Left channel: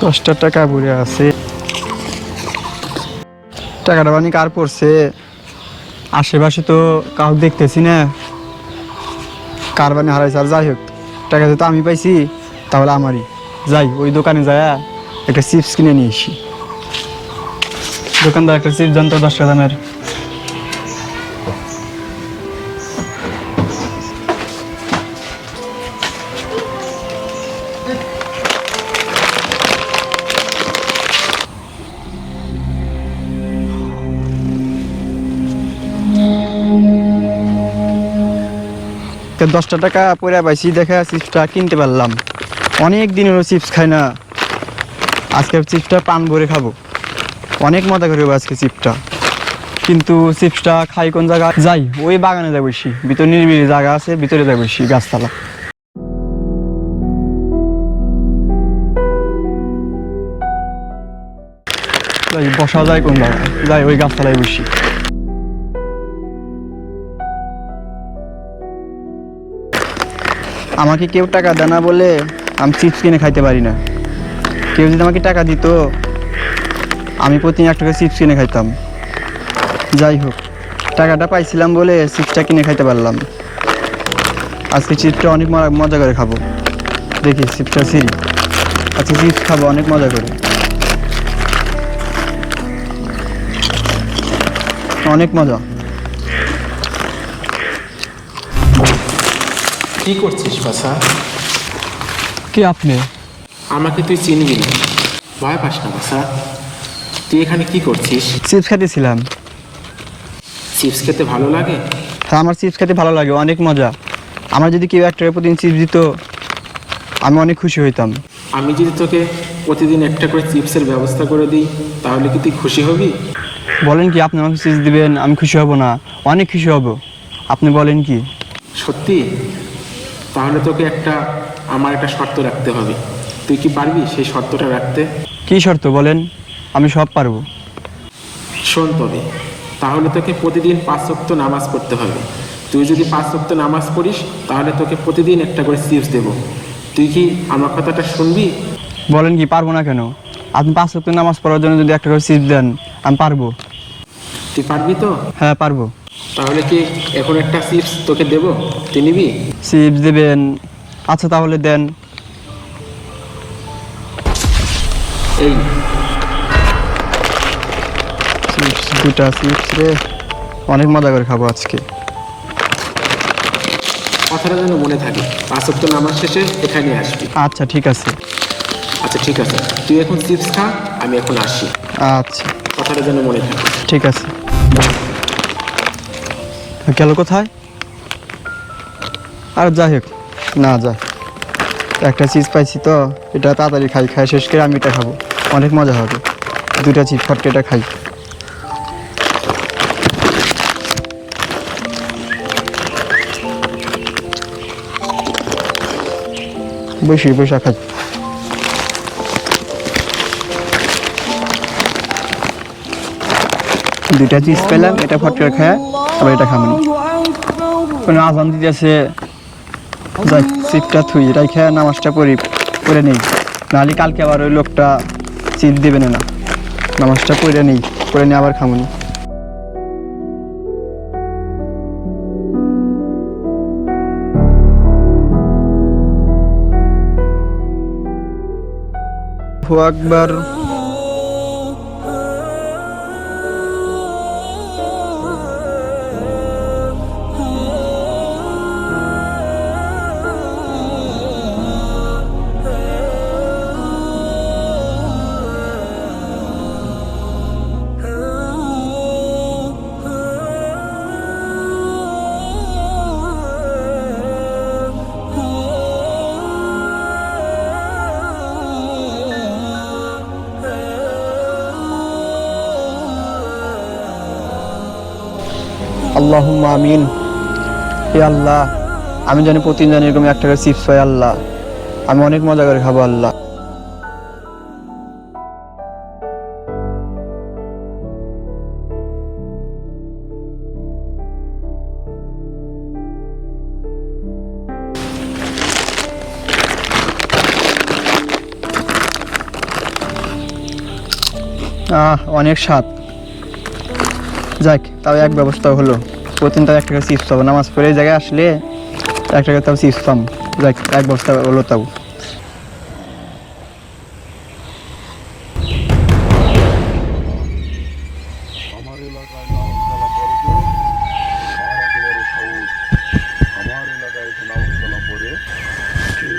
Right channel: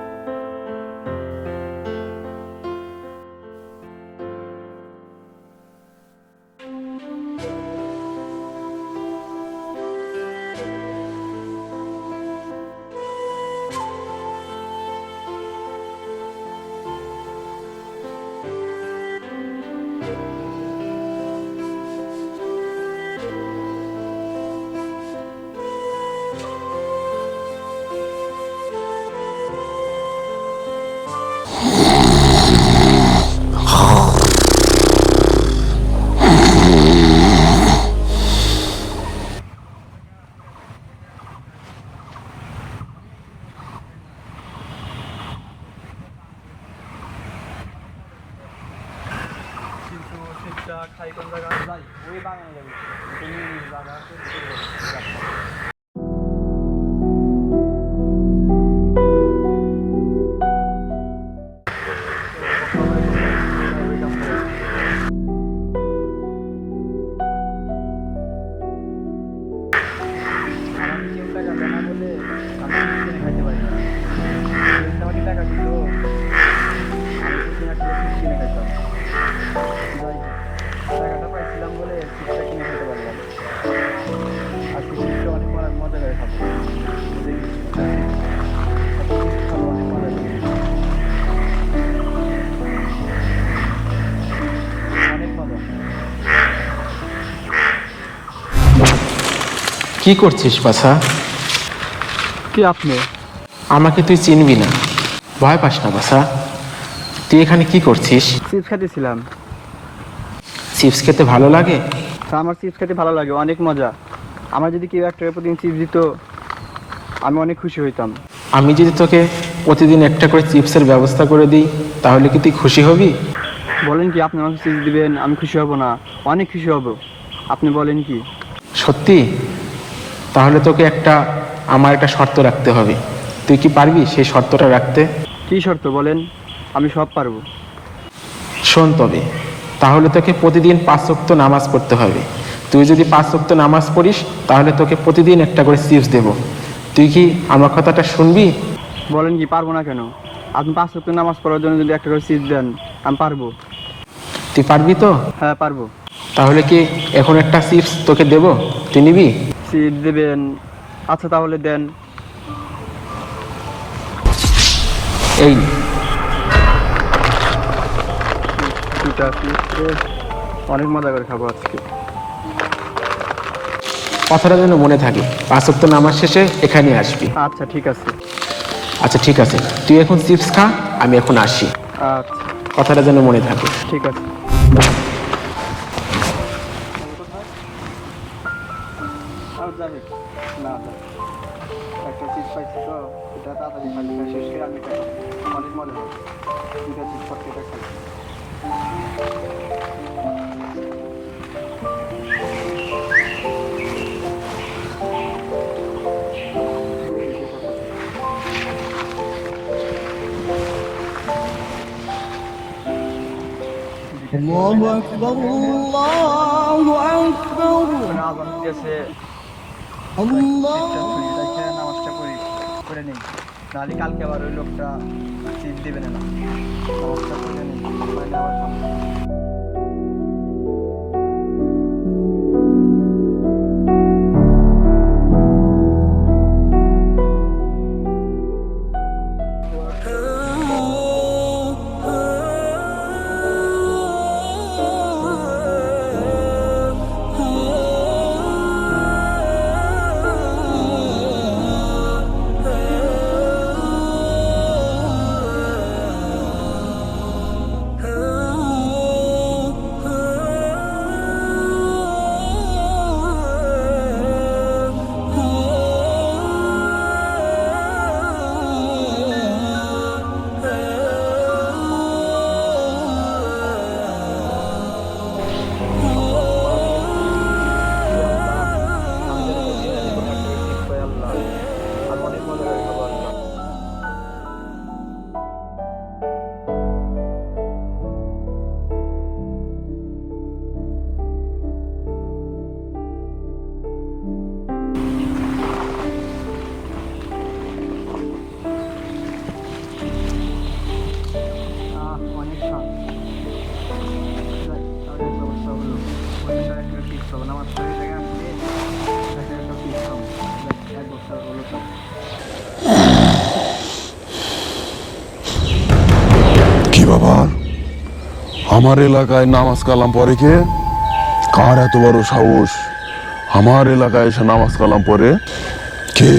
দশটা টাকা ঘুরে আছে। টাকাটা মানে কার পড়ছে? আশেপাশে তো কাউ দেখতেছি না। কার বানি হারাইছে আর যাই হোক, টাকা তো আমি পাইছি, তাহলে আমারই। যাই, ওই দোকানে যায় একটা চিপস কিনে নিয়ে আসি। দোকানদার একটা চিপস জানতো দশ টাকা দামের। দশটা টাকা পরে পাইছি, দেখে চিপসটা কিনতে পারলাম। অনেক দিন হলো চিপস খাই না। আজকে চিপসটা পান ভরে খাব। অনেক মজা করে আজকে চিপসটা। কিন্তু চিপসটা খাই কোন জায়গা? যাই, ওই বাগানে যাই বসি ভিতরে নিরিবিলি জায়গা আছে, ভিতরে যাই বসি গাছতলা। বসা যায় কোন জায়গায়। যাই, ওই গাছতলায় বসি। আমাকে কেউ টাকা দেয় না বলে আমি চিপস কিনে খাইতে পারি না। কেউ যদি আমাকে টাকা দিত, আমি প্রতিদিন এক টাকা চিপস কিনে খাইতাম। যাই হোক, টাকাটা পাইছিলাম বলে চিপসটা কিনে খাইতে পারলাম। আজকে চিপসটা অনেক মজা- করে খাব। দেখি চিপসটা সিরি আজকে চিপস খাব, অনেক মজা করে। অনেক মজা। কি করছিস পাশা কি আপনি? আমাকে তুই চিনবি না। ভয় পাস না বাসা তুই এখানে কি করছিস? চিপস খাইতেছিলাম চিপস খেতে ভালো লাগে? হ্যাঁ আমার চিপস খেতে ভালো লাগে অনেক মজা। আমার যদি কেউ একটা প্রতিদিন চিপস দিত আমি অনেক খুশি হইতাম। আমি যদি তোকে প্রতিদিন একটা করে চিপসের ব্যবস্থা করে দিই তাহলে কি তুই খুশি হবি? বলেন কি আপনি আমাকে চিপস দিবেন আমি খুশি হব না। অনেক খুশি হব। আপনি বলেন কি? সত্যি? তাহলে তোকে একটা আমার একটা শর্ত রাখতে হবে। তুই কি পারবি সেই শর্তটা রাখতে? কি শর্ত বলেন? আমি সব পারব। শোন তবে তাহলে তোকে প্রতিদিন পাঁচ ওয়াক্ত নামাজ পড়তে হবে। তুই যদি পাঁচ ওয়াক্ত নামাজ পড়িস তাহলে তোকে প্রতিদিন একটা করে চিপস দেব। তুই কি আমার কথাটা শুনবি? বলেন কি পারব না কেন? আপনি পাঁচ ওয়াক্ত নামাজ পড়ার জন্য যদি একটা করে চিপস দেন আমি পারব। তুই পারবি তো? হ্যাঁ পারব। তাহলে কি এখন একটা চিপস তোকে দেব? তুই নিবি? চিপস দেবেন। আচ্ছা তাহলে দেন। এই চিপস দুটা চিপস রে। অনেক মজা করে খাব আজকে। কথাটা যেন মনে থাকে। পাঁচ ওয়াক্ত নামাজ শেষে এখানে আসবি। আচ্ছা ঠিক আছে। আচ্ছা ঠিক আছে। তুই এখন চিপস খা আমি এখন আসি। আচ্ছা। কথাটা যেন মনে থাকে। ঠিক আছে। গেল কোথায়? আর যাই হোক, না যা। একটা চিজ পাইছি তো, এটা তাড়াতাড়ি খাই খাই, শেষ করে আমি এটা খাব। অনেক মজা হবে। দুটা চিজ ফটকে এটা খাই। বসি, বসা খাই। দুটা চিজ পেলাম, এটা ফটকে খায় এটা খাব। কোনো আজান দিতেছে। চিপটা থুই খেয়ে নামাজটা পড়ি করে নেই। নাহলে কালকে আবার ওই লোকটা চিপ দেবে না নামাজটা পড়ে নেই, পড়ে নিয়ে আবার খামো না। আকবার। আমি জানি প্রতিদিন জানি এরকম একটা করে চিপস পাই আল্লাহ। আমি অনেক মজা করে খাব আল্লাহ। আহ, অনেক স্বাদ। যাক, তাও এক ব্যবস্থা হলো। প্রতিদিন তাও এক টাকা চিপস পাবো। নামাজ পড়ে জায়গায় আসলে এক টাকা তাও চিপস পাম যাক এক বস্তা হলো তাও। কি বাবা? আমার এলাকায় নামাজ কালাম পরে কে? কার এত বড় সাহস? আমার এলাকায় এসে নামাজ কালাম পরে কে?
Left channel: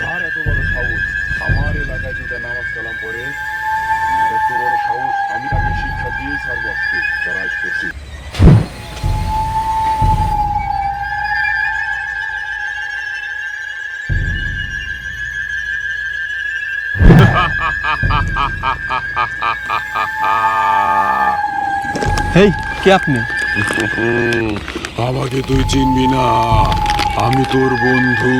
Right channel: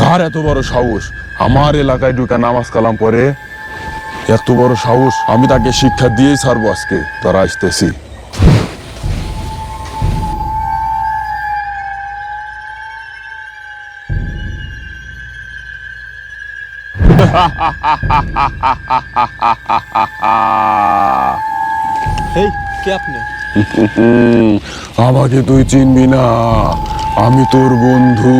কার এত বড় সাহস? আমার এলাকায় ঢুকে নামাজ কালাম পরে এত বড় সাহস, আমি তাকে শিক্ষা দিয়েই ছাড়বো আজকে। তারা আসতেছি। হেই কে আপনি? আমাকে তুই চিনবি না। আমি তোর বন্ধু।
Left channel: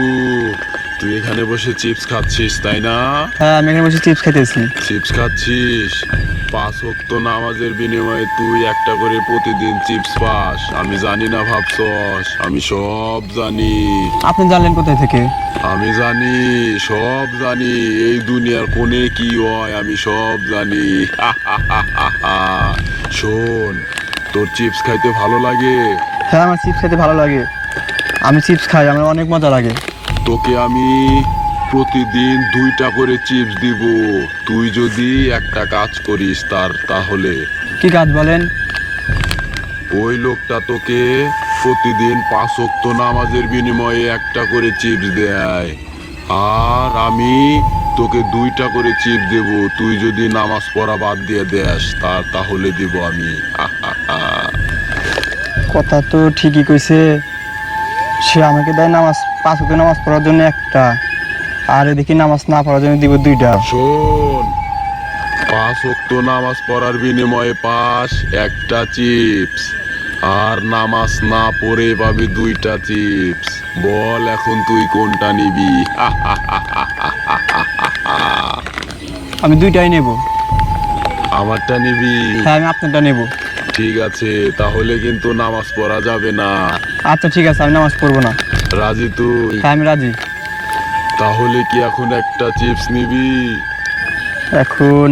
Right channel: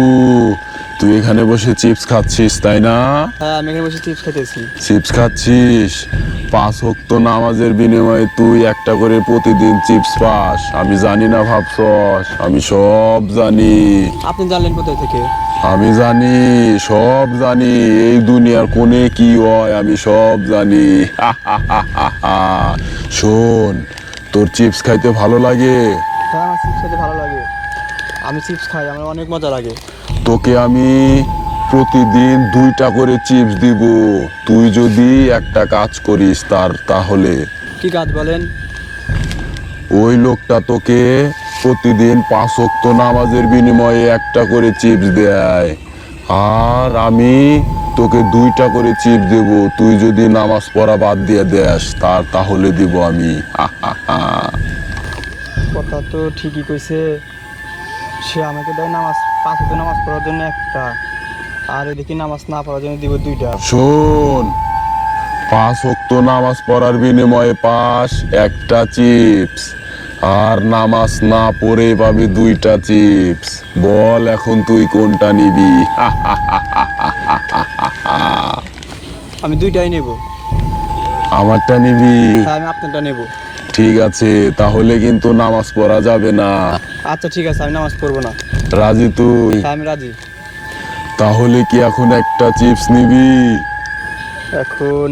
তুই এখানে বসে চিপস খাচ্ছিস তাই না? হ্যাঁ আমি এখানে বসে চিপস খাইতেছি চিপস খাচ্ছিস? পাঁচ হক্ত নামাজের বিনিময়ে তুই একটা করে প্রতিদিন চিপস পাস। আমি জানি না ভাবছস। আমি সব জানি। আপনি জানলেন কোথায় থেকে? আমি জানি সব জানি। এই দুনিয়ার কোণে কি হয় আমি সব জানি। শোন তোর চিপস খাইতে ভালো লাগে? হ্যাঁ আমার চিপস খাইতে ভালো লাগে। আমি চিপস খাই আমার অনেক মজা লাগে। তোকে আমি প্রতিদিন দুইটা করে চিপস দিব। তুই যদি একটা কাজ করিস তার তাহলে। কি কাজ বলেন? ওই লোকটা তোকে প্রতিদিন পাঁচ ওয়াক্ত নামাজের বিনিময়ে একটা করে চিপস দেয়। আর আমি তোকে দুইটা করে চিপস দেব। তুই যদি নামাজ পড়া বাদ দিয়ে দেস তার তাহলে দিব আমি। কথা তো ঠিকই কইছে। সে আমাকে দেয় নামাজ পাঁচ ওয়াক্ত নামাজ পড়ার জন্য একটা। আর এদিকে নামাজ না পড়ার জন্য দিব দুইটা। শোন পাঁচ ওয়াক্ত নামাজ পড়ার বিনিময়ে পাস একটা চিপস। আর নামাজ না পড়ে পাবে দুইটা চিপস। বল এখন তুই কোনটা নিবি? আমি দুইটাই নেব। আমারটা নিবি? হ্যাঁ আমি আপনারটা নেব। ঠিক আছে তাহলে কিন্তু নামাজ পড়া যাবে না। আচ্ছা ঠিক আছে আমি নামাজ পড়ব না। রাজি তুই? হ্যাঁ আমি রাজি। তাহলে কি এখন একটা চিপস নিবি? এখন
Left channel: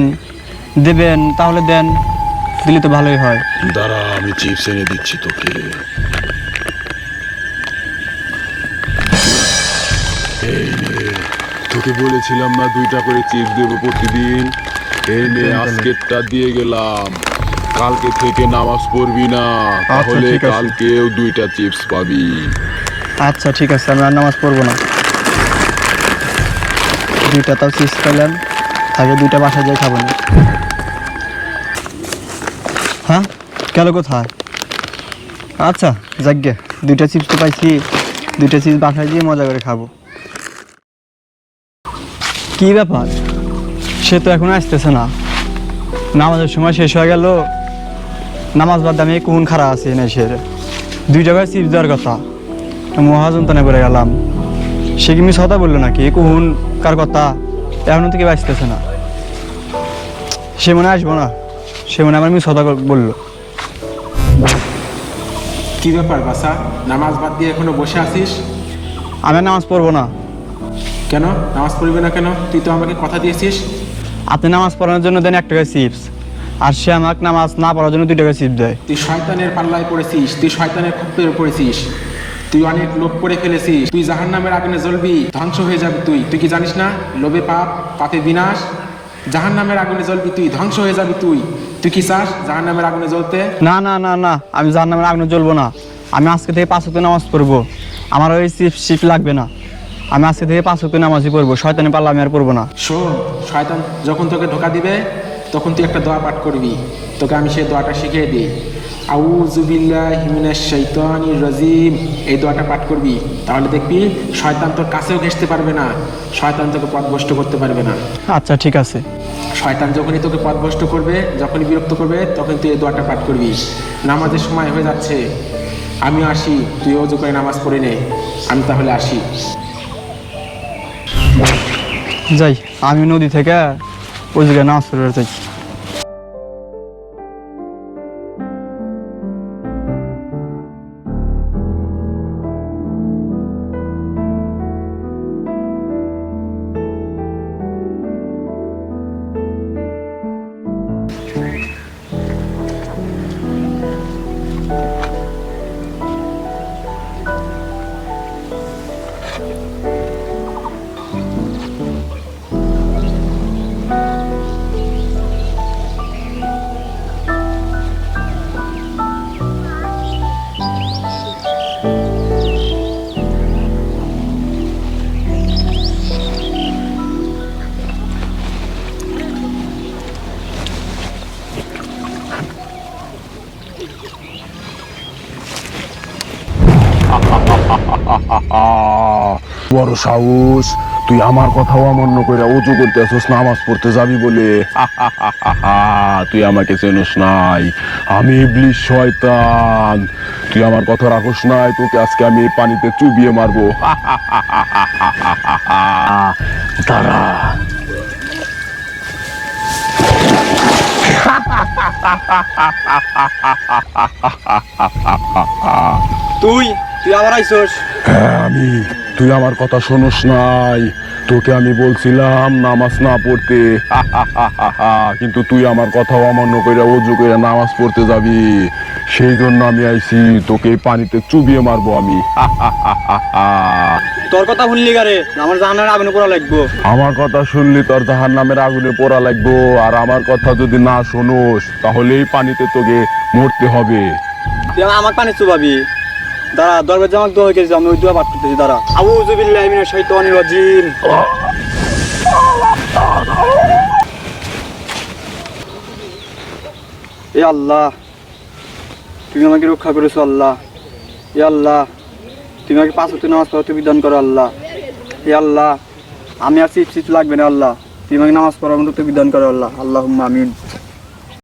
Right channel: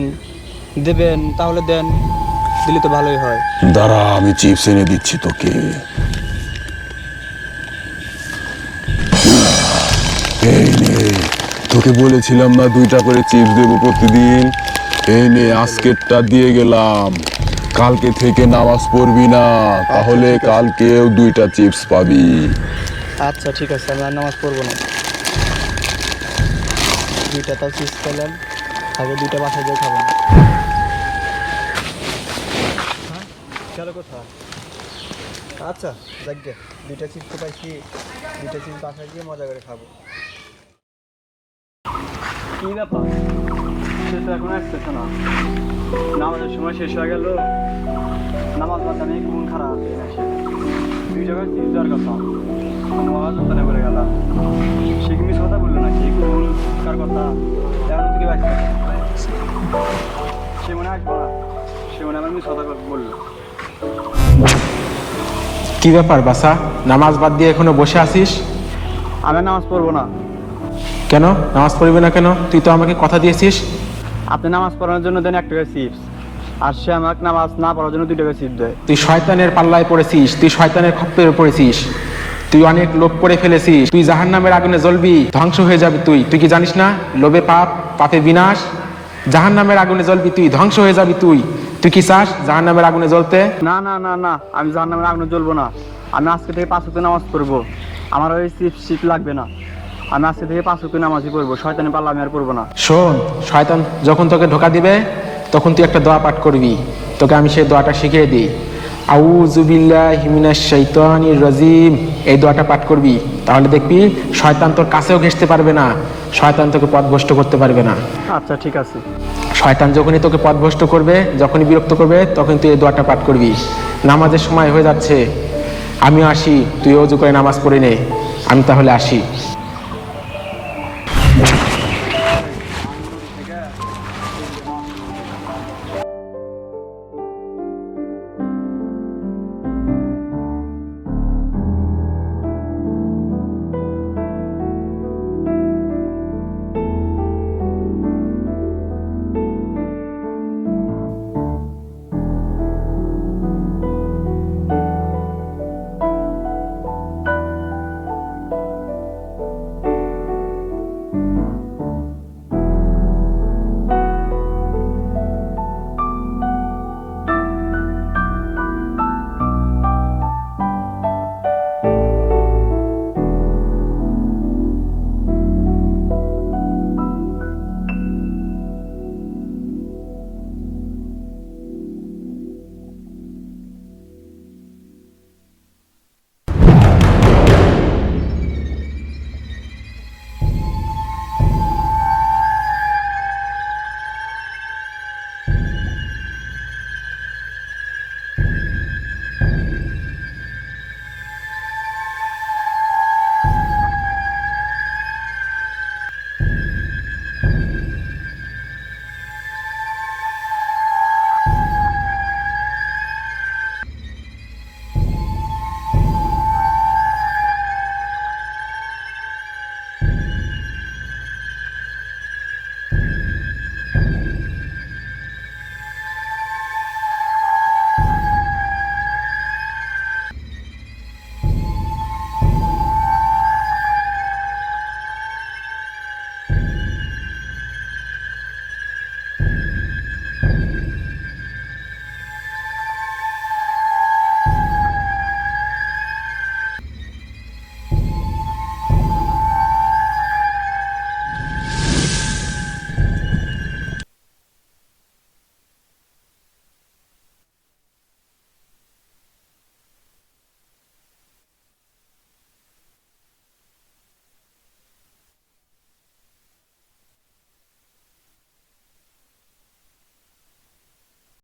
দেবেন তাহলে দেন দিলে তো ভালোই হয়। দাঁড়া আমি চিপস এনে দিচ্ছি তোকে। এই নে তোকে বলেছিলাম না দুইটা করে চিপস দেবো প্রতিদিন? এই নে আজকেরটা দিয়ে গেলাম। কালকে থেকে নামাজ পড়বি না তাহলে ঠিক আছে। কালকেও দুইটা চিপস পাবি। আচ্ছা ঠিক আছে আমি আর নামাজ পড়ব না। দুইটা তাও চিপস খাইলাম আগে দুইটা বাসায় যাই খাব না। হ্যাঁ? গেল কোথায়? আচ্ছা যাগ্গে দুইটা চিপস তো পাইছি দুইটা চিপস বাসায় গিয়ে মজা করে খাব। কি ব্যাপার? সে তো এখন আসতেছে না। নামাজের সময় শেষ হয়ে গেল নামাজ বাদ আমি কোন খারাপ আছে না সে? দুই জায়গায় চিপস দেওয়ার কথা। মহাজনতানে পড়ে গেলাম। সে কি মিস কথা বলল নাকি? কোন? কার কথা? এখনও থেকে বাঁচতেছে না। সে মনে আসব না। সে মনে আমার মিস কথা বলল। কি ব্যাপার বাসা নামাজ বাদ দিয়ে এখনও বসে আছিস? আমি নামাজ পড়ব না। কেন? নামাজ পড়বি না কেন? তুই তো আমাকে কথা দিয়েছিস। আপনি নামাজ পড়ানোর জন্য দেন এক টাকা চিপস। আর সে আমাকে নামাজ না পড়ার জন্য দুই টাকা চিপস দেয় তুই শয়তানের পাল্লায় পড়েছিস তুই শয়তানের খপ্পে পড়েছিস তুই অনেক লোক করে ফেলেছিস তুই জাহান নামের আগুনে জ্বলবি ধ্বংস হয়ে যাবি তুই। তুই কি জানিস না? লোভে পাপ পাপে বিনাশ জাহান নামের আগুনে জ্বলবি তুই ধ্বংস হয়ে যাবি তুই। তুই কি চাস জাহান নামের আগুনে জ্বলতে? না না না না আমি জাহার নামের আগুনে জ্বলবো না। আমি আজকে থেকে পাঁচ হতে নামাজ পড়ব। আমার ওই চিপ লাগবে না। আমি আজকে থেকে পাঁচ হতে নামাজই পড়ব। শয়তানি পাল্লা আমি আর পড়ব না। শোন শয়তান যখন তোকে ধোকা দিবে তখন তুই একটা দোয়া পাঠ করবি। তোকে আমি সেই দোয়াটা শিখিয়ে দিই। রাজিম। এই দোয়াটা পাঠ করবি। তাহলে দেখবি শয়তান তোর কাছেও ঘেসতে পারবে না। শয়তান তোকে পথভ্রষ্ট করতে পারবে না। আচ্ছা ঠিক আছে। শয়তান যখনই তোকে পথভ্রষ্ট করবে যখনই বিরক্ত করবে তখন তুই এই দোয়াটা পাঠ করবি। নামাজের সময় হয়ে যাচ্ছে। আমিও আসি। তুই অজু করে নামাজ পড়ে নে। আমি তাহলে আসি। যাই আমি নদী থেকে ওই জায়গায় নামাজ বড় সাহস। তুই আমার কথাও অমান্য করে উঁচু করতে আসিস, নামাজ পড়তে যাবি বলে। তুই আমাকে চেনস নাই। আমি ইবলিশ শয়তান। তুই আমার কথা রাখোস নাই, তোকে আজকে আমি পানিতে চুবিয়ে মারবো। দাঁড়া। তুই তুই আবার আইসোস? হ্যাঁ আমি তুই আমার কথা শোনস নাই। তোকে আমি বলছিলাম নামাজ না পড়তে। কিন্তু তুই আমার কথা অমান্য করে অজু করে নামাজ পড়তে যাবি। সেই জন্য আমি আইছি তোকে পানিতে চুবিয়ে মারবো আমি। তোর কথা শুনলি গারে আমার জানার আগুনে পড়া লাগবো। আমার কথা শুনলি তোর জাহার নামের আগুনে পোড়া লাগবো। আর আমার কথা যদি না শোনোস তাহলে এই পানিতে তোকে মরতে হবে। আমার পানি চুবাবি। দাঁড়া, দরবার জামাক দোয়া হয়ে গেছে, আমি ওই দোয়া পাঠ করতেছি, দাঁড়া। আউযু বিল্লাহি মিনাশ শাইতানির রাজিম এ আল্লাহ, তুমি আমাকে রক্ষা করেছ, আল্লাহ। এ আল্লাহ, তুমি আমাকে পাঁচ হতে নামাজ পড়াতে বিধান করো, আল্লাহ। এ আল্লাহ, আমি আর চিপ চিপ লাগবে না, আল্লাহ। তুমি আমাকে নামাজ পড়ার মতো বিধান করো, আল্লাহ। আল্লাহ আমিন।